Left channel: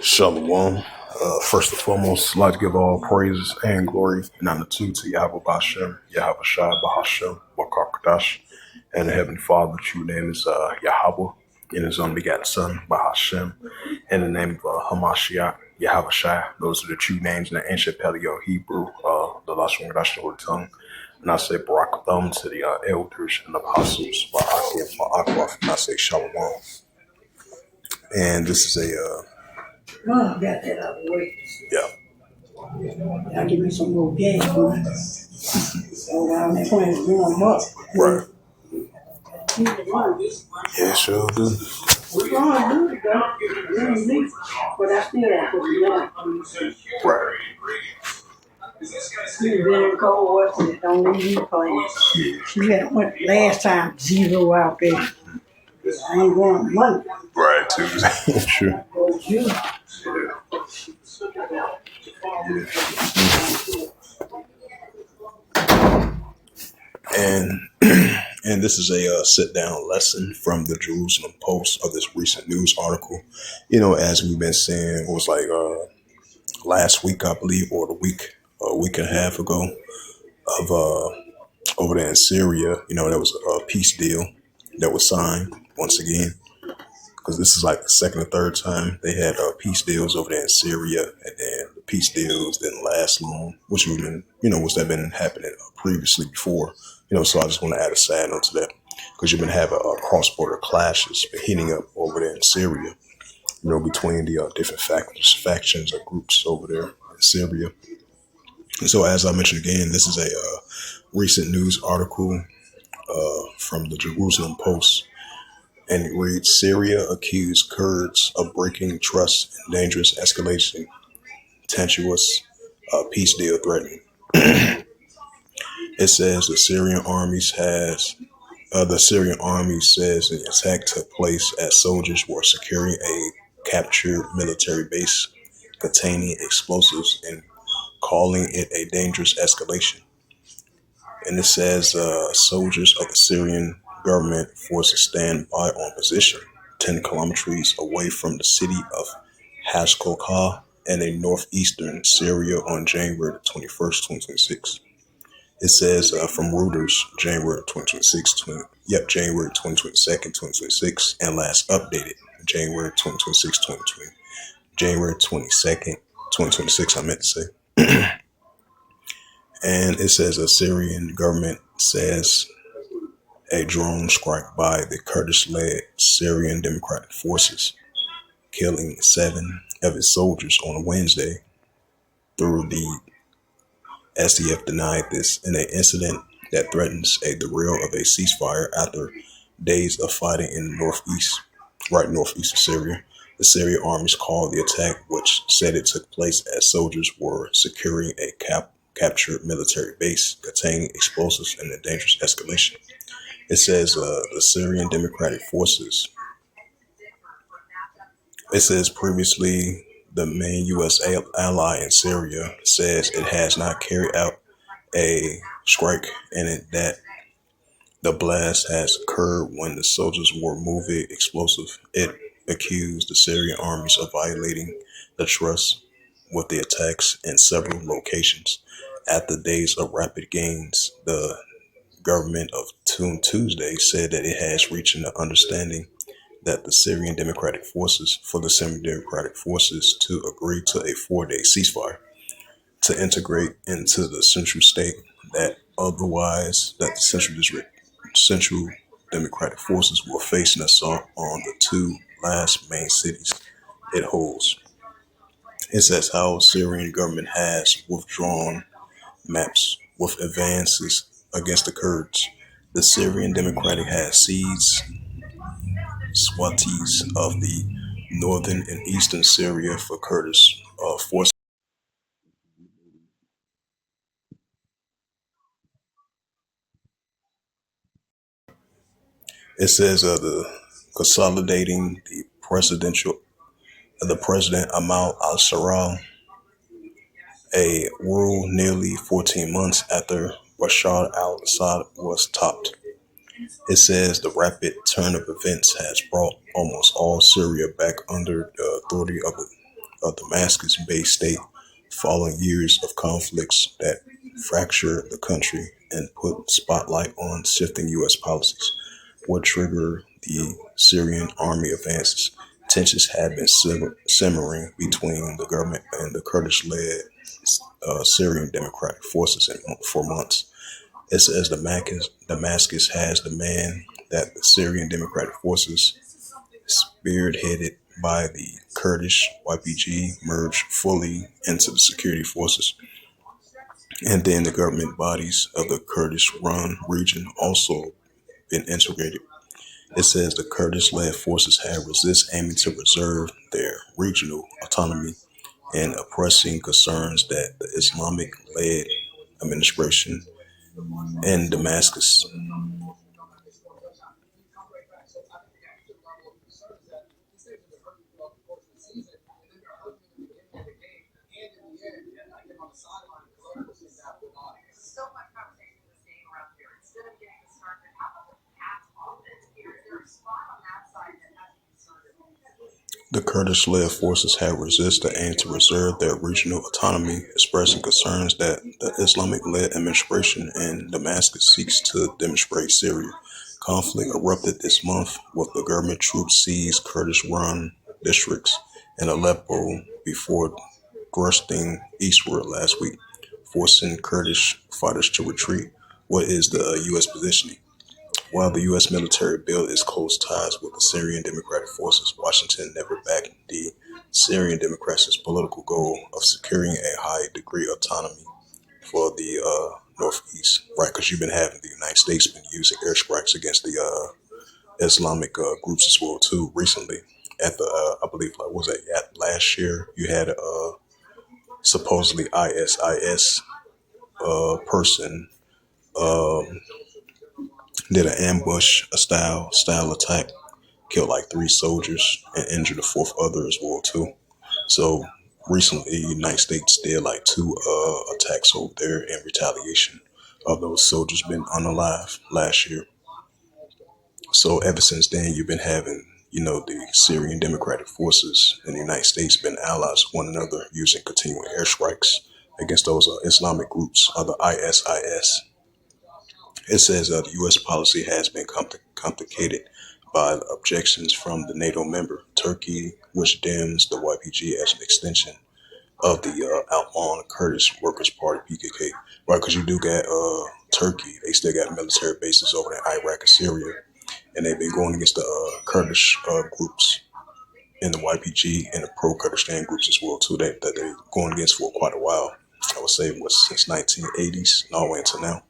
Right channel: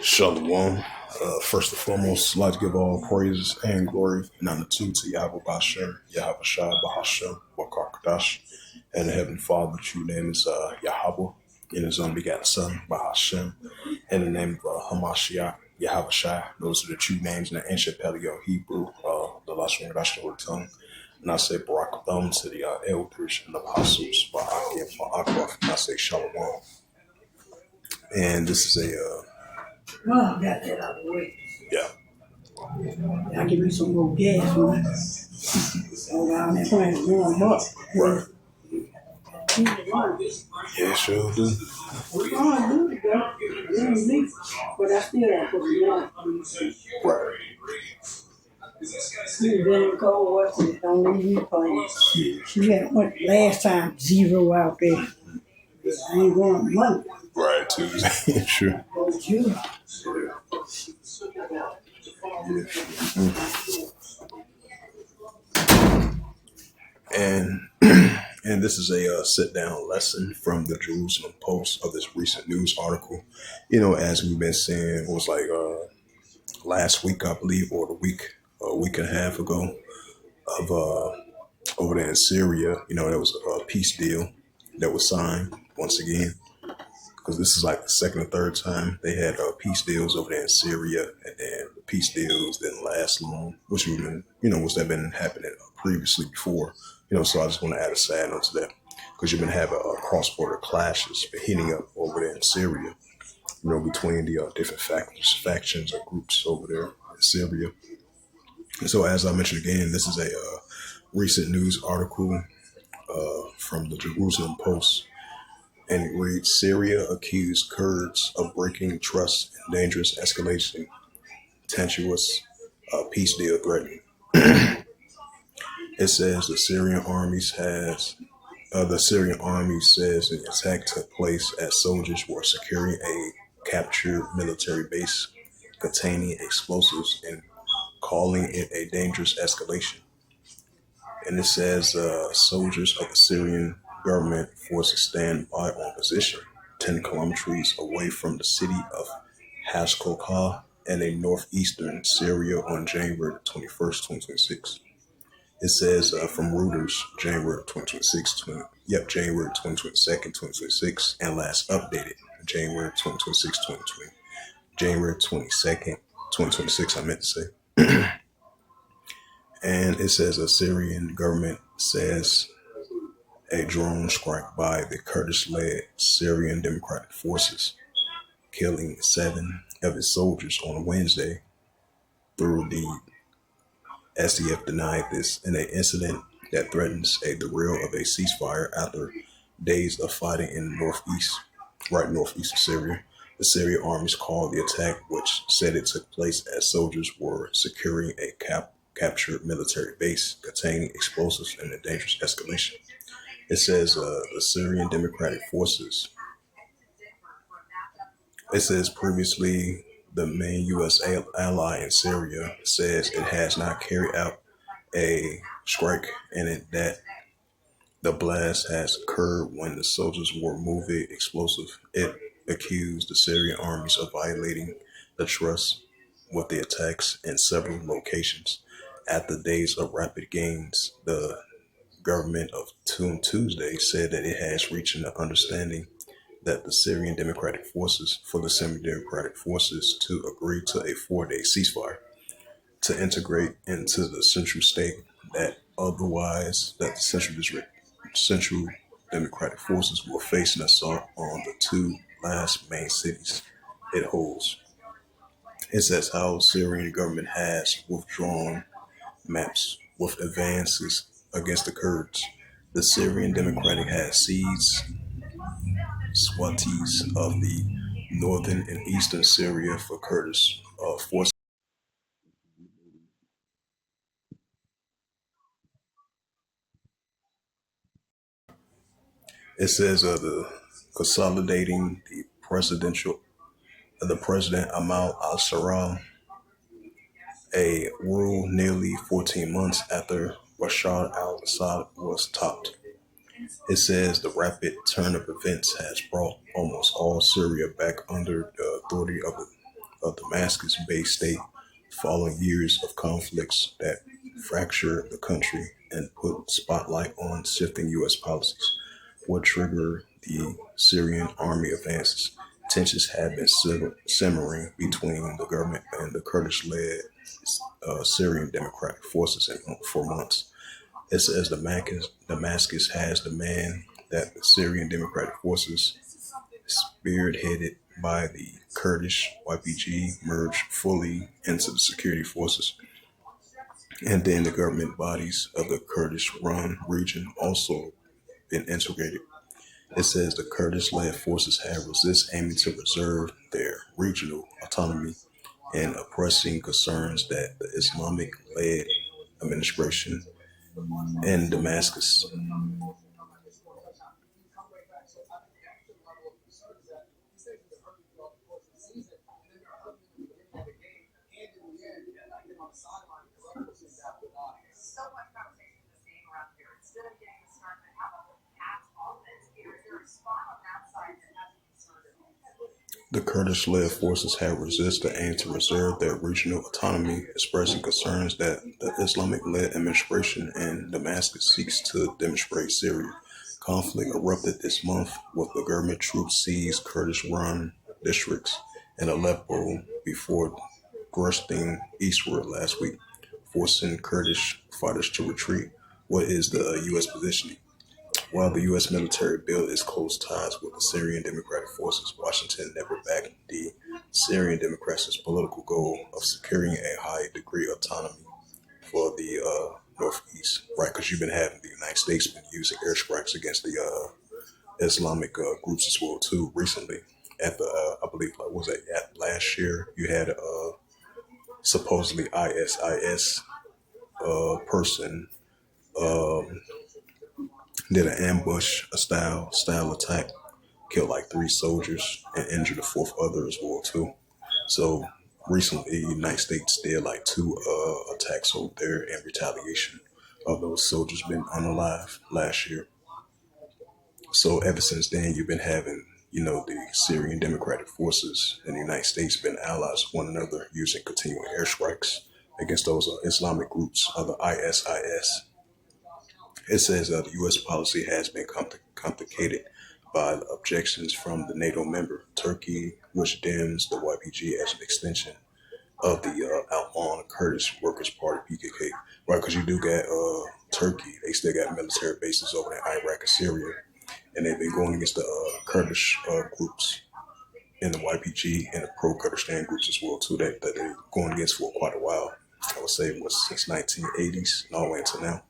Shalom. First and foremost, I'd like to give all praises and glory and honor to Yahweh Bashem, Yahweh Shai Bahashem, Wakakadash, and the Heavenly Father. The true name is Yahweh, and His only begotten Son, Bahashem, in the name of Hamashiach, Yahweh Shai. Those are the true names in the ancient Paleo Hebrew, the Lashon Gadash, the Holy Tongue. And I say Barak Thumb to the elders and apostles, Ba'aki and Ba'akwaf, and I say Shalom. And this is Oh, I got that out of the way. yeah. I'll give me some more gas for it. So around that point, it's warm up. Right. We're Yeah, sure do. going to do it, though. We ain't leave. But I still got to put it on. Right. It's very cold, wasn't it? Don't leave you playing. She had went last time 0 out there. I ain't going Monday. Right, Tuesday. Sure. Go June. And and this is a sit down lesson from the Jerusalem Post of this recent news article. You know, as we've been saying, it was like last week, I believe, or a week and a half ago, of over there in Syria. You know, there was a peace deal that was signed once again, because this is like the second or third time they had peace deals over there in Syria, and then the peace deals didn't last long, which we've been, which had been happening previously before. So I just want to add a side note to that, because you've been having cross-border clashes been heating up over there in Syria, between the different factions or groups over there in Syria. And so, as I mentioned again, this is a recent news article from the Jerusalem Post, and it reads: Syria accused Kurds of breaking trust in dangerous escalation, tenuous peace deal threatening. It says the Syrian army says the attack took place as soldiers were securing a captured military base containing explosives and calling it a dangerous escalation. And it says soldiers of the Syrian government forces stand by on position 10 kilometers away from the city of Hashkokah in a northeastern Syria on January 21st, 2026. It says from Reuters, January 2026, January 2022nd, 2026, and last updated January 2026, 2020, January 22nd, 2026, I meant to say. And it says the Syrian government says a drone strike by the Kurdish-led Syrian Democratic Forces, killing 7 of its soldiers on Wednesday. Through the SDF denied this in an incident that threatens a derail of a ceasefire after days of fighting in the northeast of Syria. The Syrian armies called the attack, which said it took place as soldiers were securing a captured military base containing explosives, in a dangerous escalation. It says the Syrian Democratic Forces. It says previously the main U.S. ally in Syria says it has not carried out a strike, and that the blast has occurred when the soldiers were moving explosive. It accused the Syrian armies of violating the trust with the attacks in several locations. After days of rapid gains, the government of Tuesday said that it has reached an understanding that the Syrian Democratic Forces to agree to a 4-day ceasefire to integrate into the central state, that otherwise that the Central Democratic Forces will face an assault on the 2 last main cities it holds. It says how Syrian government has withdrawn maps with advances against the Kurds. The Syrian Democratic has seized swaths of the northern and eastern Syria for Kurdish forces. It says the consolidating the president Amal al-Sarraj, a rule nearly 14 months after Bashar al-Assad was topped. It says the rapid turn of events has brought almost all Syria back under the authority of a Damascus-based state following years of conflicts that fractured the country and put spotlight on shifting U.S. policies. What triggered the Syrian army advances? Tensions had been simmering between the government and the Kurdish-led Syrian Democratic Forces for months. It says Damascus has demanded that the Syrian Democratic Forces, spearheaded by the Kurdish YPG, merge fully into the security forces. And then the government bodies of the Kurdish-run region also been integrated. It says the Kurdish-led forces have resisted aiming to preserve their regional autonomy and oppressing concerns that the Islamic-led administration in Damascus. The Kurdish-led forces have resisted the aim to preserve their regional autonomy, expressing concerns that the Islamic-led administration in Damascus seeks to demonstrate Syria. Conflict erupted this month with the government troops seized Kurdish-run districts in Aleppo before thrusting eastward last week, forcing Kurdish fighters to retreat. What is the U.S. positioning? While the U.S. military built its close ties with the Syrian Democratic Forces, Washington never backed the Syrian Democrats' political goal of securing a high degree of autonomy for the Northeast, right? Because you've been having the United States been using airstrikes against the Islamic groups as well too. Recently, at the I believe like was it last year, you had a supposedly ISIS person um, did an ambush, a style attack, killed like three soldiers and injured a fourth other as well too. So recently, the United States did like two attacks over there in retaliation of those soldiers been unalive last year. So ever since then, you've been having, the Syrian Democratic Forces and the United States been allies with one another using continuing airstrikes against those Islamic groups, the ISIS. It says the U.S. policy has been complicated by the objections from the NATO member Turkey, which deems the YPG as an extension of the outlawed Kurdish Workers' Party (PKK). Right, because you do got Turkey; they still got military bases over in Iraq and Syria, and they've been going against the Kurdish groups in the YPG and the pro-Kurdistan groups as well too. That they're going against for quite a while. I would say was since 1980s and all the way until now.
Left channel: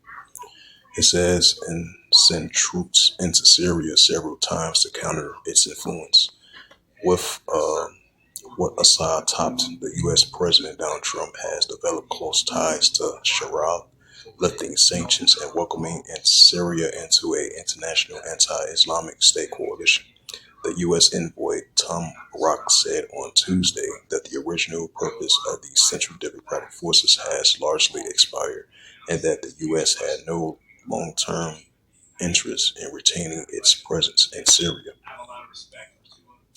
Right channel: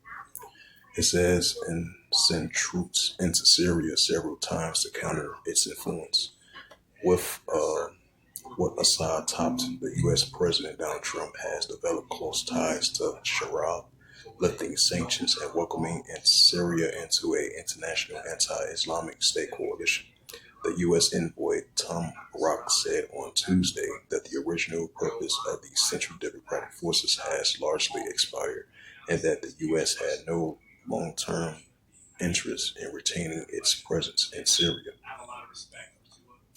It says and send troops into Syria several times to counter its influence. With what Assad topped, the U.S. President Donald Trump has developed close ties to Sharia, lifting sanctions and welcoming in Syria into an international anti-Islamic state coalition. The U.S. envoy Tom Rock said on Tuesday that the original purpose of the Central Democratic Forces has largely expired and that the U.S. had no long-term interest in retaining its presence in Syria.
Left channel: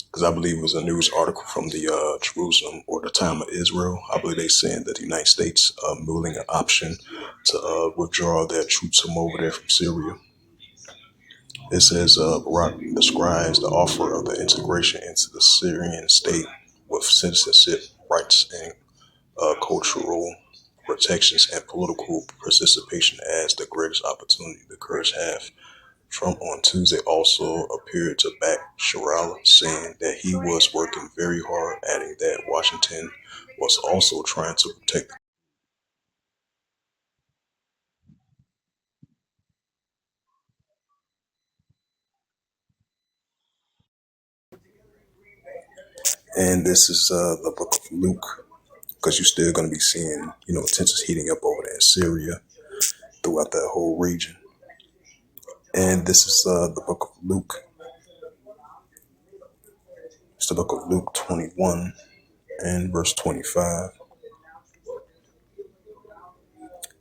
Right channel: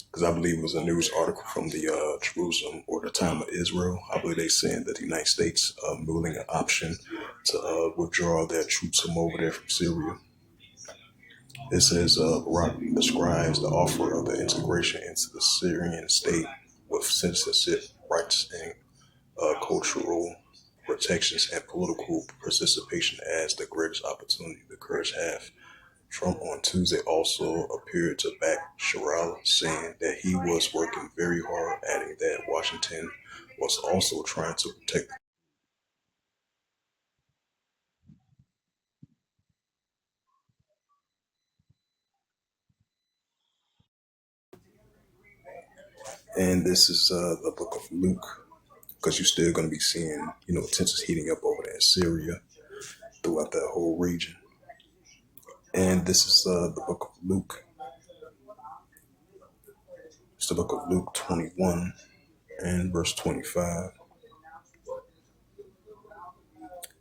Because I believe it was a news article from the Jerusalem or the Time of Israel. I believe they saying that the United States ruling an option to withdraw their troops from over there from Syria. It says Barak describes the offer of the integration into the Syrian state with citizenship rights and cultural protections and political participation as the greatest opportunity the Kurds have. Trump on Tuesday also appeared to back Sharia, saying that he was working very hard, adding that Washington was also trying to protect. And this is the book of Luke, because you're still going to be seeing, tensions heating up over there in Syria throughout that whole region. And this is the book of Luke. It's the book of Luke 21 and verse 25.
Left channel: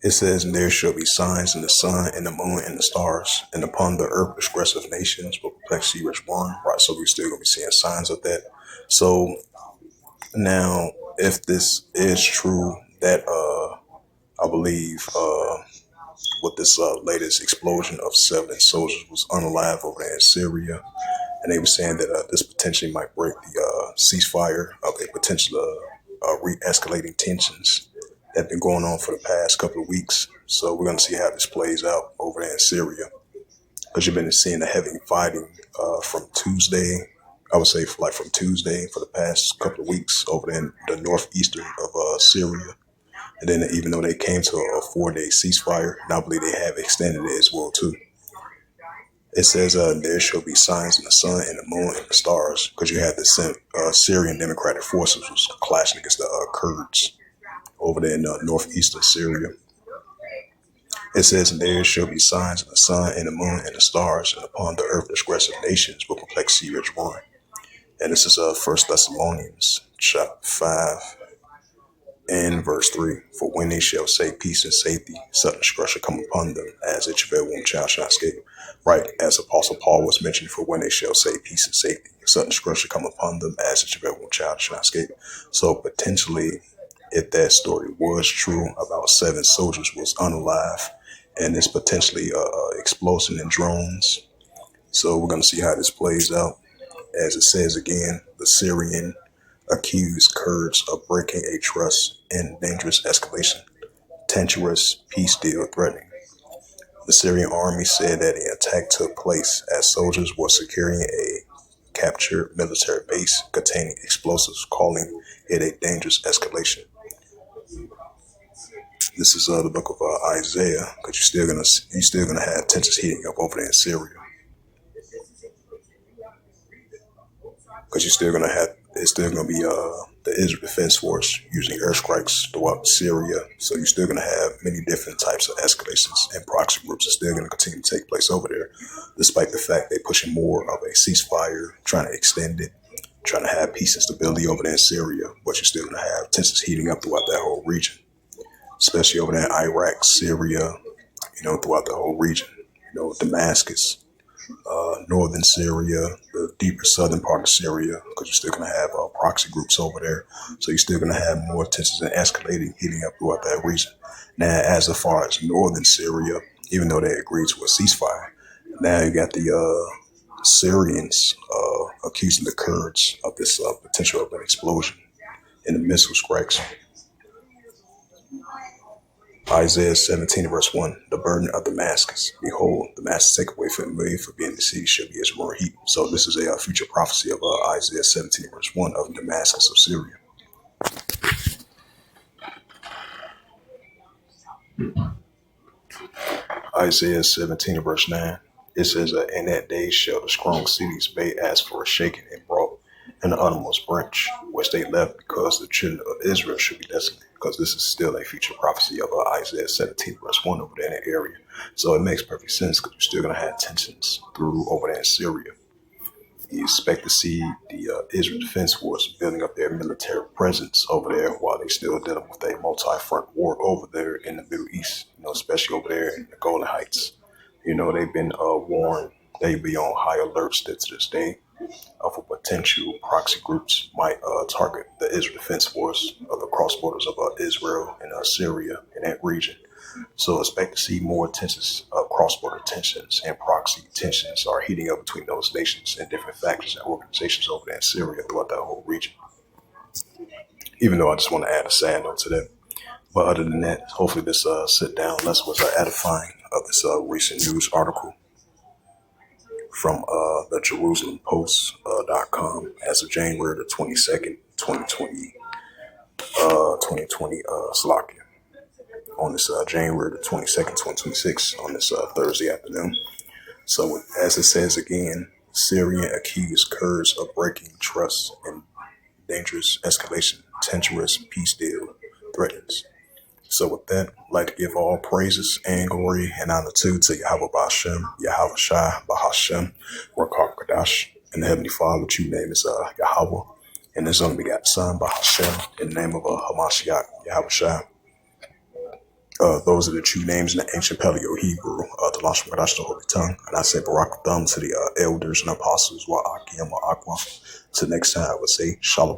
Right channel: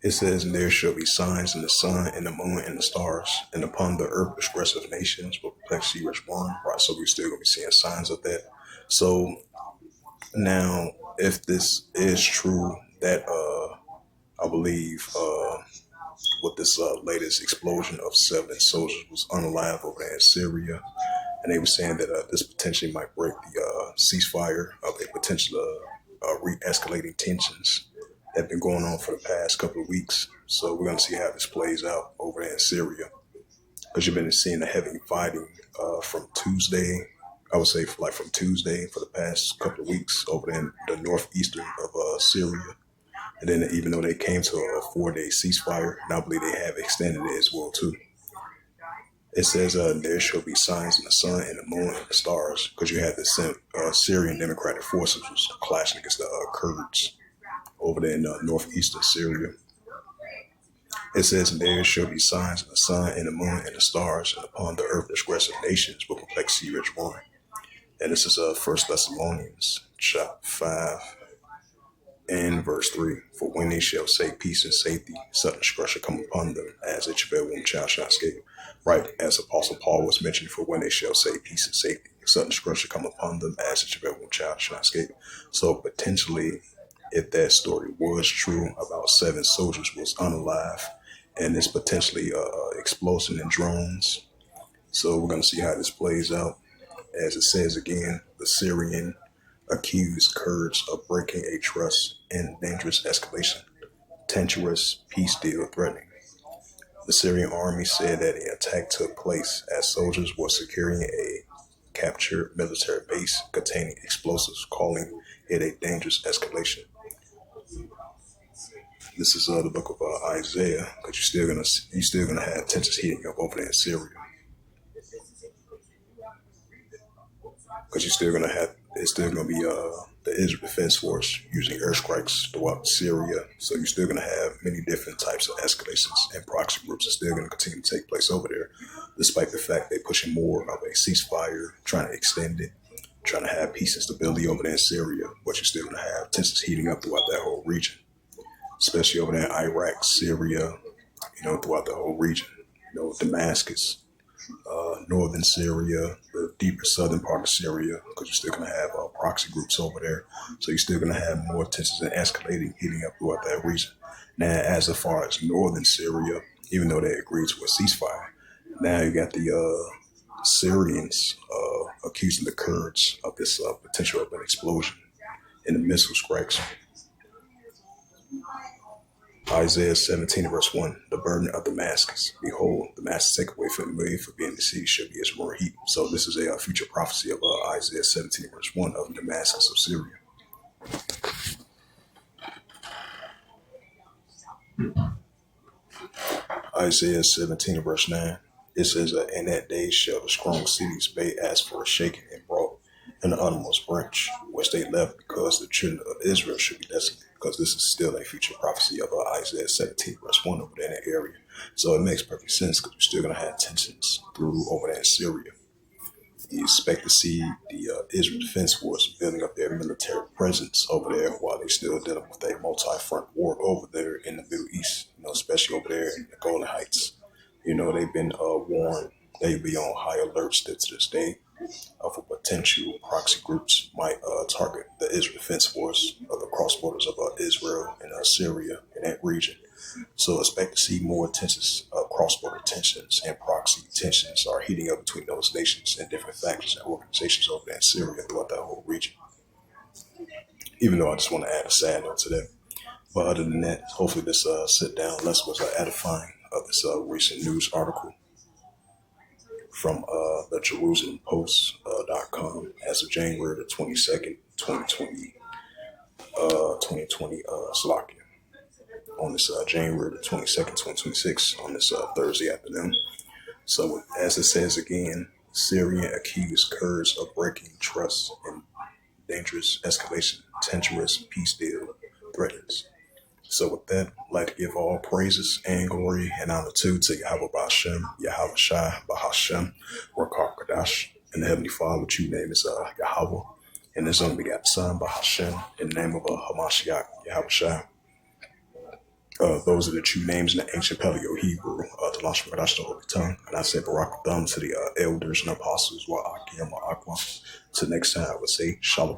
It says, and there shall be signs in the sun and the moon and the stars, and upon the earth expressive nations will perplexity which one. Right, so we're still gonna be seeing signs of that. So now, if this is true, that I believe with this latest explosion of 7 soldiers was unalive over there in Syria, and they were saying that this potentially might break the ceasefire of a potential re-escalating tensions that have been going on for the past couple of weeks. So we're going to see how this plays out over there in Syria, because you've been seeing the heavy fighting from Tuesday. I would say from Tuesday for the past couple of weeks over there in the northeastern of Syria. And then even though they came to a 4-day ceasefire, and I believe they have extended it as well too. It says there shall be signs in the sun and the moon and the stars, because you had the Syrian Democratic Forces was clashing against the Kurds over there in northeastern Syria. It says, and there shall be signs in the sun and the moon and the stars, and upon the earth transgressive nations will perplexity rich one. And this is 1 Thessalonians chapter 5 and verse 3. For when they shall say peace and safety, sudden destruction come upon them, as a travail womb child shall escape. Right, as Apostle Paul was mentioning, for when they shall say peace and safety, sudden destruction come upon them, as a travail womb child shall escape. So potentially, if that story was true about 7 soldiers was unalive, and it's potentially explosion in drones. So we're going to see how this plays out. As it says again, the Syrian accused Kurds of breaking a truce in dangerous escalation, tenuous peace deal threatening. The Syrian army said that an attack took place as soldiers were securing a captured military base containing explosives, calling it a dangerous escalation. This is the book of Isaiah, because you're still gonna have tensions heating up over there in Syria, because it's still gonna be the Israel Defense Force using airstrikes throughout Syria. So you're still gonna have many different types of escalations, and proxy groups are still gonna continue to take place over there, despite the fact they're pushing more of a ceasefire, trying to extend it, trying to have peace and stability over there in Syria. But you're still gonna have tensions heating up throughout that whole region, especially over there in Iraq, Syria, throughout the whole region. Damascus, northern Syria, the deeper southern part of Syria, because you're still going to have proxy groups over there. So you're still going to have more tensions and escalating, heating up throughout that region. Now, as far as northern Syria, even though they agreed to a ceasefire, now you got the Syrians accusing the Kurds of this potential of an explosion in the missile strikes. Isaiah 17 verse 1, the burden of Damascus. Behold, Damascus take away from me, for being the city shall be as roaring heat. So this is a future prophecy of Isaiah 17 verse 1 of Damascus of Syria. Isaiah 17 verse 9, it says, in that day shall the strong cities be as for a shaken and brought, and the uttermost branch, which they left, because the children of Israel should be desolate. Because this is still a future prophecy of Isaiah 17 verse 1 over there in that area. So it makes perfect sense, because you're still going to have tensions through over there in Syria. You expect to see the Israel Defense Force building up their military presence over there while they still dealing with a multi-front war over there in the Middle East, especially over there in the Golan Heights. They've been warned they be on high alert still to this day for potential proxy groups might target the Israel Defense Force of the cross borders of Israel and Syria in that region. So expect to see more tensions, cross-border tensions and proxy tensions are heating up between those nations and different factions and organizations over there in Syria throughout that whole region. Even though I just want to add a sad note to that. But other than that, hopefully this sit down lesson was edifying of this recent news article from the Jerusalem Post.com as of January the 22nd, 2020, 2020, Slovakia. On this January the 22nd, 2026, on this Thursday afternoon. So as it says again, Syrian accused Kurds of breaking trust and dangerous escalation, tenuous peace deal threatens. So with that, I'd like to give all praises and glory and honor to Yahweh Ba'Shem, Yahweh Shai Ba'Hashem, Rakar Kadash, and the Heavenly Father, which you name is Yahweh, and His only begotten Son Ba'Hashem, in the name of Hamashiach, Yahweh Shai. Those are the true names in the ancient Paleo Hebrew, the Lashon Kodash, the Holy Tongue. And I say Barak Thumb to the elders and apostles, wa Akim, wa Aqua. Till next time, I would say Shalom.